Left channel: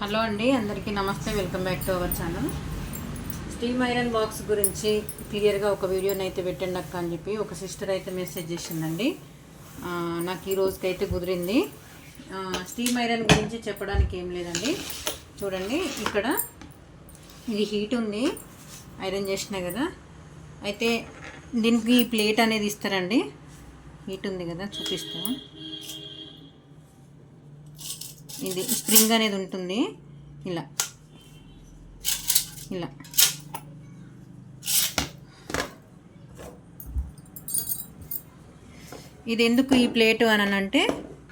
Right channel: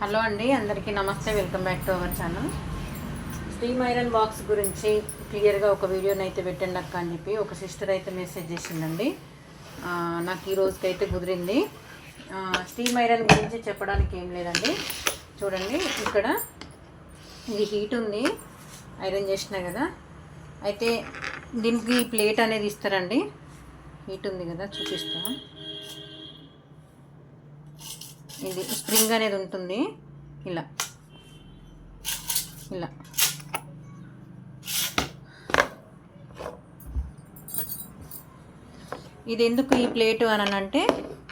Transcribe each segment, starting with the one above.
Hello అండి అందరికీ నమస్తే welcome back to our channel. Steam iron box గురించి క్లియర్గా ఒక వీడియోని అయితే పెట్టండి అక్క అని చెప్పి ఒక సిస్టర్ అయితే మెసేజ్ చేసిందండి. నాకు ఈ రోజుకైతే కుదిరింది. స్టీమ్ ఐరన్ గురించి చెప్పడానికి ఏం లేదండి. చూడండి ఇక్కడ ఇది హీట్ ఉంది ఐరన్ చేసిన కదా. అయితే దీనికి ప్లేట్ అనేది ఇస్తారండి. హీట్ ఉంది కదా చూపిస్తాను. ఇది స్ప్రింగ్ అనేది ఉంటుంది. ఇలా. ఇలా. ఇది ఎందుకు ఈ ప్లేట్ అని అంటే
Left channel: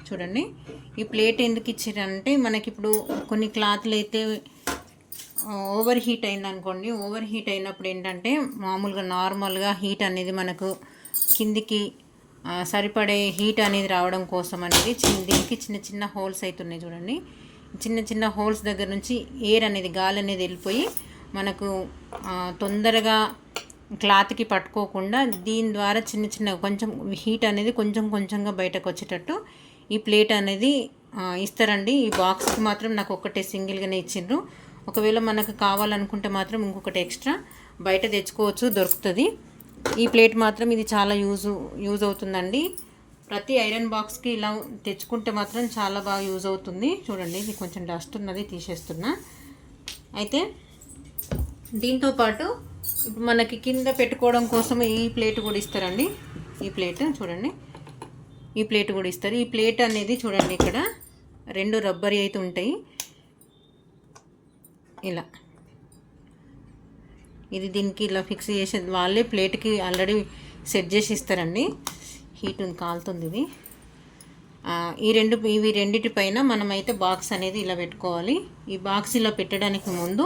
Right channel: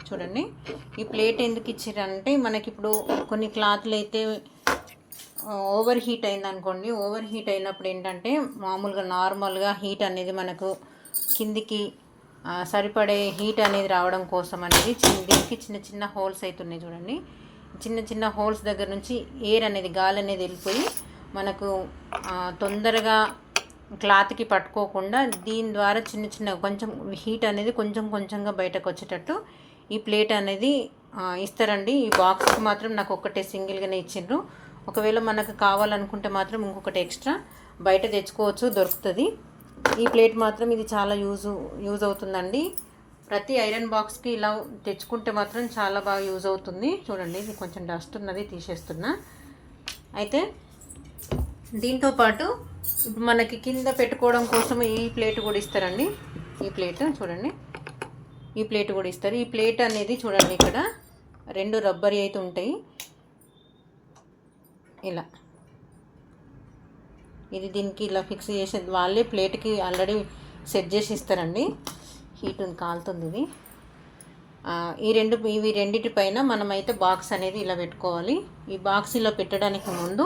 చూడండి. ఈ ప్లేట్ ఎందుకు ఇచ్చారంటే మనకి ఇప్పుడు కొన్ని క్లాత్లు అయితే ఓవర్ హీట్ అయిందనుకోండి. ఓవర్ హీట్ అయినప్పుడు ఏంటంటే మామూలుగా నార్మల్గా హీట్ అనేది మనకు కిందికి సరిపడే హీట్ అనేది రావడం కోసం అనేది దీనికి చిన్న చిన్న హోల్స్ అవుతున్నాయి చూడండి. చిన్న చిన్న హోల్స్ దగ్గర నుంచి ఎయిర్ అనేది గాలి అనేది వెళ్ళిపోయి మనకు తొందరగా క్లాత్కి పట్టుకోకుండా దీని ద్వారా చిన్న చిన్న కొంచెం హీట్ అనేది కొంచెం కొంచెంగా బయటకు వచ్చేటట్టు ఈ ప్లేట్ అనేది ఇస్తారండి. ఈ బాక్స్కి మాత్రం నాకు ఒక్కటే సింగిల్గానే ఇచ్చిండ్రు. ఒకవేళ మనకు కావాలనుకుంటే మాత్రం ఇంకొకటి ఎక్స్ట్రా బయట తెచ్చుకోవచ్చు దొరుకుతుంది. ఈ ప్లేట్ మాత్రం ఇది చాలా యూజ్ యూజ్ అవుతుందండి. ప్రతి ఐరన్ బాక్స్కి ఇలా తెచ్చుకుంటే మాత్రం చాలా బాగా యూజ్ అవుతుంది. చూడండి ఇది కొంచెం డస్ట్ ఉన్నది తీసేస్తున్నా. అయితే దీంతో పాటు ఇప్పుడు మనకి కింద పెట్టుకోవడం కోసం ఈ ప్లేట్ కూడా ఇస్తారండి. ఈ ప్లేట్ చూడండి. ఈ ప్లేట్ కూడా ఇస్తారు. ఈ ప్లేట్ అనేది చూడండి ఇక్కడ రెండు రబ్బరీ అయితే ఉంటాయి. ఇలా. ఇది దీనికి ఇలా ఫిక్స్ చేసే వాళ్ళే ప్లేట్కి ఆల్రెడీ సెట్ చేసి ఇస్తారండి. హీట్ ఉంది కాలుతుంది ఇది. ఈ రెండు ఇవి రెండిటి పైన మనమైతే బాక్స్ అనేది ఇలా పెట్టుకోవాలి. ఈ బాక్స్ ఇలా పెట్టడానికి ముందు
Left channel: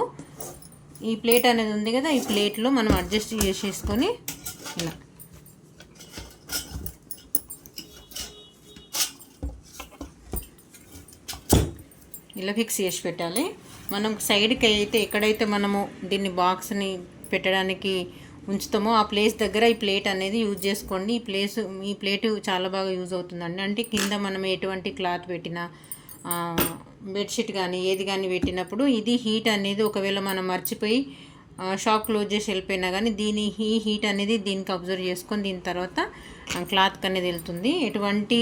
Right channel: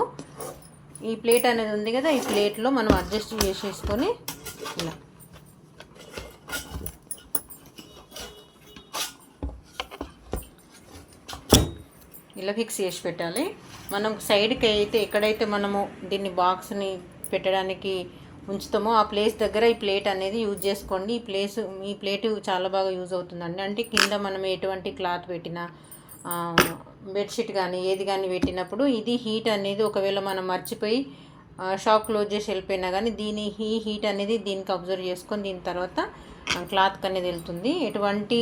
ఈ ప్లేట్ అనేది ఉంది కదా ఈ ప్లేట్లో మనం అడ్జస్ట్ చేసేసుకొని ఇలా ఫిక్స్ చేసి పెట్టాలి. మనం సైడ్కి అయితే ఎక్కడైతే మనము దీన్ని బాక్స్ని పెట్టడానికి ఉంచుతామో ఆ ప్లేస్ దగ్గర ఈ ప్లేట్ అనేది యూజ్ చేసుకోండి. ఈ ప్లేస్ ఈ ప్లేట్ చాలా బాగా యూజ్ అవుతుందండి. అంటే కింద మనం ఎటువంటి క్లాత్ పెట్టినా బెడ్షీట్ కానీ ఏది కానీ పెట్టినప్పుడు ఇది హీట్ అనేది ఒకవేళ మనం మర్చిపోయి షాక్ షాప్ క్లోజ్ చేసి వెళ్ళిపోయినా కానీ దీని ఈ హీట్ అనేది దీనికి అబ్జర్వ్ చేసుకొని దీని తర్వాత క్లాత్కి అనేది వెళ్తుంది. ఎటువంటి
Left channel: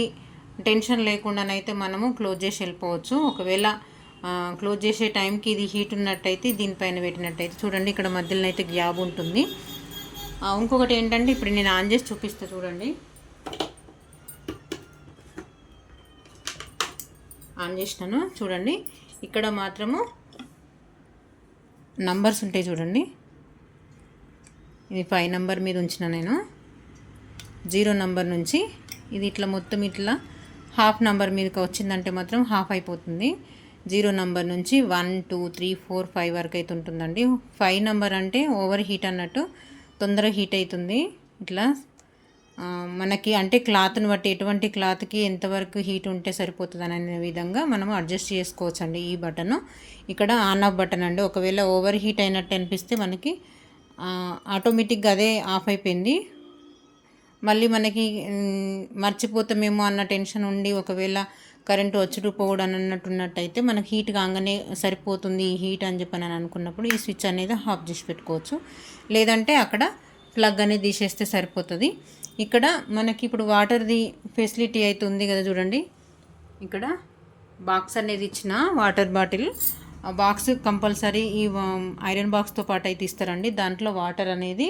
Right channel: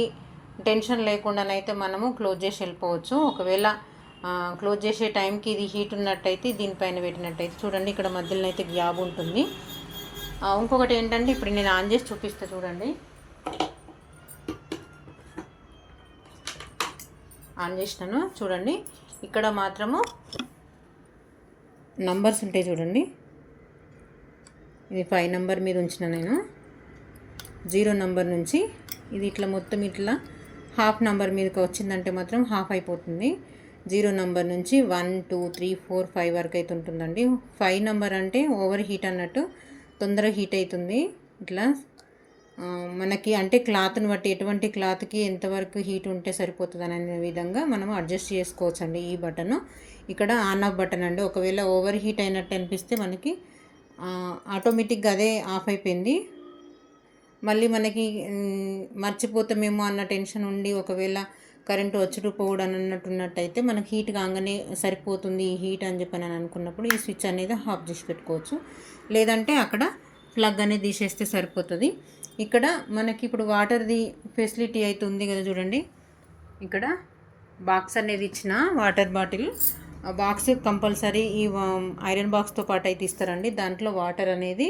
టెన్షన్ లేకుండానైతే మనము క్లోజ్ చేసి వెళ్ళిపోవచ్చు. ఒకవేళ క్లోజ్ చేసే టైంకి ఇది హీట్ ఉన్నట్టయితే దీనిపైన పెట్టినట్టయితే చూడండి ఇక్కడ మధ్యలో అయితే గ్యాబ్ ఉంటుంది. ఇంకొకటి ఏంటంటే ఇప్పుడు నేను ఆన్ చేసి చూపిస్తా చూడండి. ఆన్ చేసినాను చూడండి. ఇక్కడ మాత్రము నంబర్స్ ఉంటాయి చూడండి. ఇది ఫైవ్ నంబర్ మీద ఉంచిన నేను. జీరో నంబర్ నుంచి ఇది ఇట్లా మొత్తం ఇట్లా హాఫ్ నంబర్ మీదకి వచ్చిందంటే మాత్రం హాఫ్ అయిపోతుంది. జీరో నెంబర్ నుంచి one two three four five వరకు అయితే ఉంటుందండి. ఫైవ్ నెంబర్ అంటే ఓవర్ హీట్ అన్నట్టు తొందరగా హీట్ అవుతుంది ఇట్లా మనకి అంటే క్లాత్ని బట్టి ఎటువంటి క్లాత్కి ఎంతవరకు హీట్ ఉంటే సరిపోతుంది అనే విధంగా మనం అడ్జస్ట్ చేసుకోవచ్చు అండి ఈ బటన్. ఇక్కడ ఆన్ ఆఫ్ బటన్ అండి. ఒకవేళ ఓవర్ హీట్ అయినట్టు అనిపిస్తే మనకి ఆటోమేటిక్గా అదే ఆఫ్ అయిపోయింది. మళ్ళీ మనకి మర్చిపోతామేమో అన్న టెన్షన్ ఉండి ఒకవేళ కరెంటు వచ్చి పోవడం మనకు మనకి హీట్ కాగానే సరిపోతుంది ఈ హీట్ అని చెప్పి అని అనుకున్నప్పుడు ఈ స్విచ్ అనేది ఆఫ్ చేసి పెట్టుకోవచ్చు. లేదంటే అక్కడ ప్లగ్ అనేది తీసేస్తే సరిపోతుంది. ఇక్కడ మనకి ఇప్పుడు వాటర్ది ఫెసిలిటీ అయితే ఉంది కదా చూడండి. ఇక్కడ బాక్స్ అనేది ఇచ్చిన వాటర్ బాటిల్. బాక్స్ కంపల్సరీ ఈ ఐరన్ బాక్స్తో పాటు అయితే ఇస్తారండి. దాంట్లో వాటర్ అనేది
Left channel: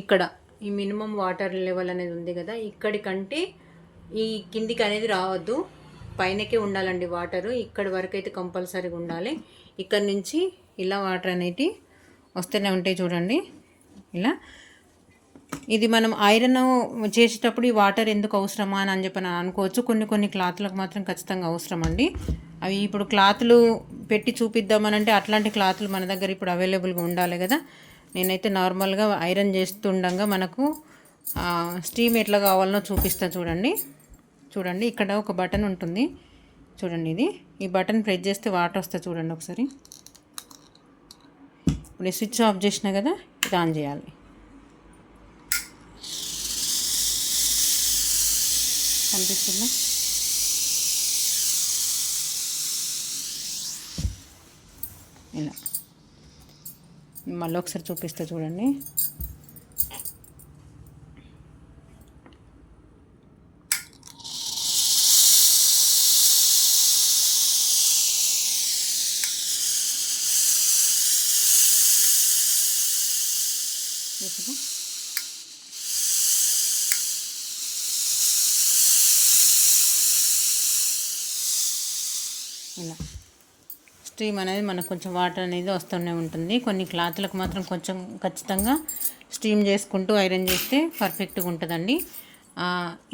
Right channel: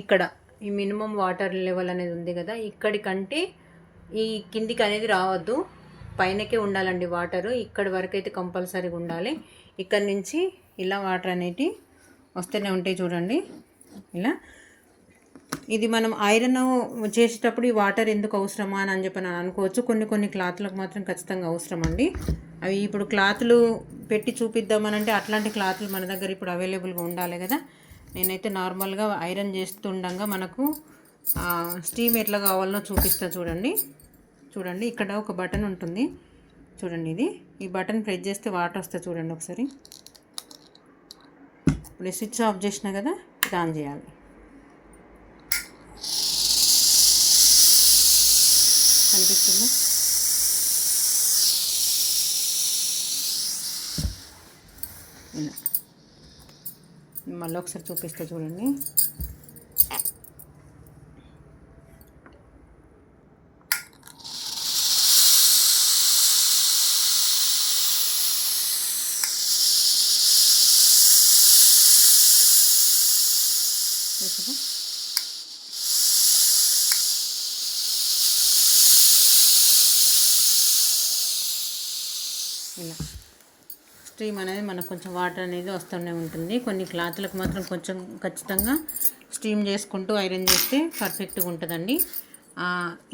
ఇక్కడ ఈ మినిమం వాటర్ లెవెల్ అనేది ఉంది కదా. ఇక్కడికంటే ఈ కిందికి అనేది రావద్దు. పైనకే ఉండాలండి వాటర్. ఇక్కడి వరకు అయితే కంపల్సరీగా ఉండాలి. ఇక్కడ నుంచి ఇలా వాటర్ అనేది వస్తూనే ఉంటాయి చూడండి. ఇలా. ఇది మనం ఐరన్ చేసేటప్పుడు ఈ వాటర్ ఎందుకు అవసరమా అని చెప్పి అనుకోవచ్చు. కొన్ని కొన్ని క్లాత్లకు మాత్రం ఖచ్చితంగా అవసరం అండి. అవి ఇప్పుడు క్లాత్లు పెట్టి చూపిద్దామనంటే అట్లాంటి క్లాత్లు మన దగ్గర ఇప్పుడు అవైలబుల్గా ఉండాలి కదా. నేనైతే నార్మల్గా ఐరన్ చేస్తుండగా మనకు స్టీమ్ ఎట్లా కావాలనో చూపిస్తా చూడండి. చూడండి ఇక్కడ ఒక బటన్ ఉంటుంది. చూడండి ఇది. ఈ బటన్ ప్రెస్ చేస్తే వాటర్ వస్తుంది చూడండి ఒకసారి. ఇప్పుడు స్విచ్ ఆఫ్ చేసినా కదా ఇది ఆన్ చేయాలి. కనిపిస్తుంది? ఇలా. మళ్ళీ ఒకసారి చూపిస్తే చూడండి. ఇలా. స్టీమ్ అనేది మనకు కొంచెం వాటర్ అనేది వస్తూనే ఉంటుంది. కొన్ని క్లాత్లకు మాత్రం కొంచెం ఖచ్చితంగా స్టీమ్ చేసుకుంటూ ఐరన్ చేస్తే పర్ఫెక్ట్గా ఉంటుందండి.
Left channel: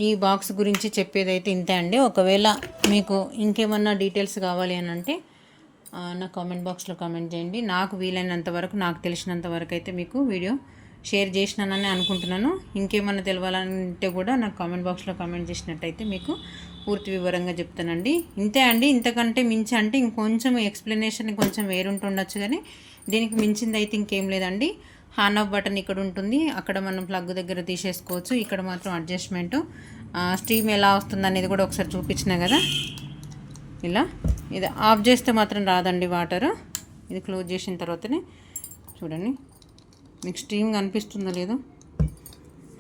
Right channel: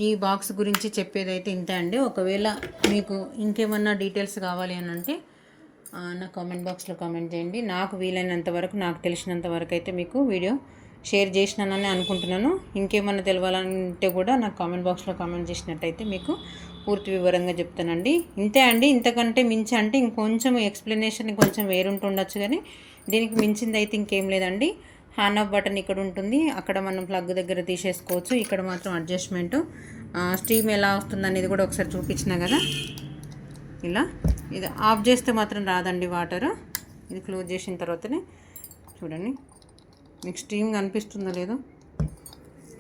ఈ బాక్స్ గురించి చెప్పేదైతే ఇంతే అండి. ఒకవేళ మీకు ఇంకేమన్నా డీటెయిల్స్ కావాలి అని అంటే నా కామెంట్ బాక్స్లో కామెంట్ చేయండి. నాకు వీలైనంత వరకు నాకు తెలిసినంత వరకు అయితే మీకు వీడియో షేర్ చేసినానని అనుకుంటున్నాను. ఇంకేమన్నా తెలవాలంటే కూడా నాకు కామెంట్ బాక్స్లో కామెంట్ చేసినట్టయితే మీకు పూర్తి వివరంగా చెప్తానండి. ఇంతే అండి. ఇంతకంటే మించి అంటే ఇంకొంచెం ఎక్స్ప్లెనేషన్ కొంచెం వేరుంటుండొచ్చు కానీ దీనికి మించింది అయితే ఇంకేం లేదండి. హాన్ ఆఫ్ బటన్ ఇక్కడ ఉంటుంది. అక్కడ మనం ప్లగ్ దగ్గర తీసేసుకోవచ్చు. ఇక్కడ మాత్రం అడ్జస్ట్మెంట్ స్టీమ్ ఎలా వస్తుంది అనేది కూడా ఒకసారి చూపించిన కదా. ఇలా. ఇది ఆఫ్ చేస్తే మాత్రం రాదండి వాటర్ ఇది క్లోజ్ చేసిన తర్వాతనే చూడండి. మీకు స్టీమ్ కనిపిస్తుందో లేదో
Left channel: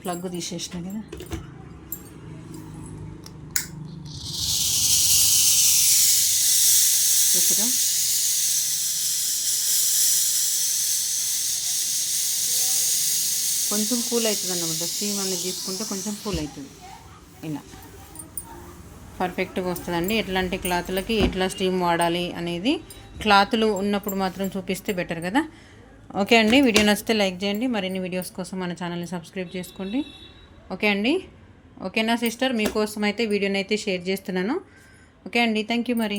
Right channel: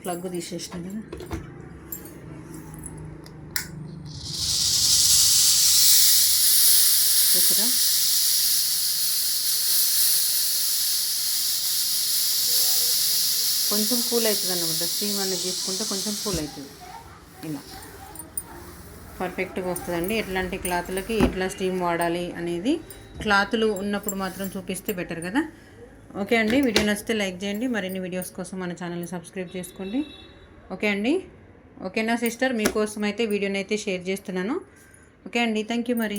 ప్లగ్ తీసేసిన కదా. చూసారా? కొంచెం కూల్ అవుతుంది అన్నమాట స్టీమ్ అనేది తీసుకుంటే కొంచెం కూల్ అవుతుంది. ఇలా. పర్ఫెక్ట్గా వస్తుందండి. ఎట్లాంటి క్లాత్లకి ఎట్లా స్టీమ్ వాడాలి అనేది క్లాతులు ఉన్నప్పుడు మాత్రం చూపిస్తే బెటర్ కదా. ఓకే అండి వీడియో నచ్చితే లైక్ చేయండి మరిన్ని వీడియోస్ కోసం మన ఛానల్ని సబ్స్క్రైబ్ చేసుకోండి. ఓకే అండి ఓకేనా సిస్టర్? మీకోసం అయితే వీడియోని అయితే షేర్ చేస్తున్నాను. ఓకే అండి థ్యాంక్ యూ మరి.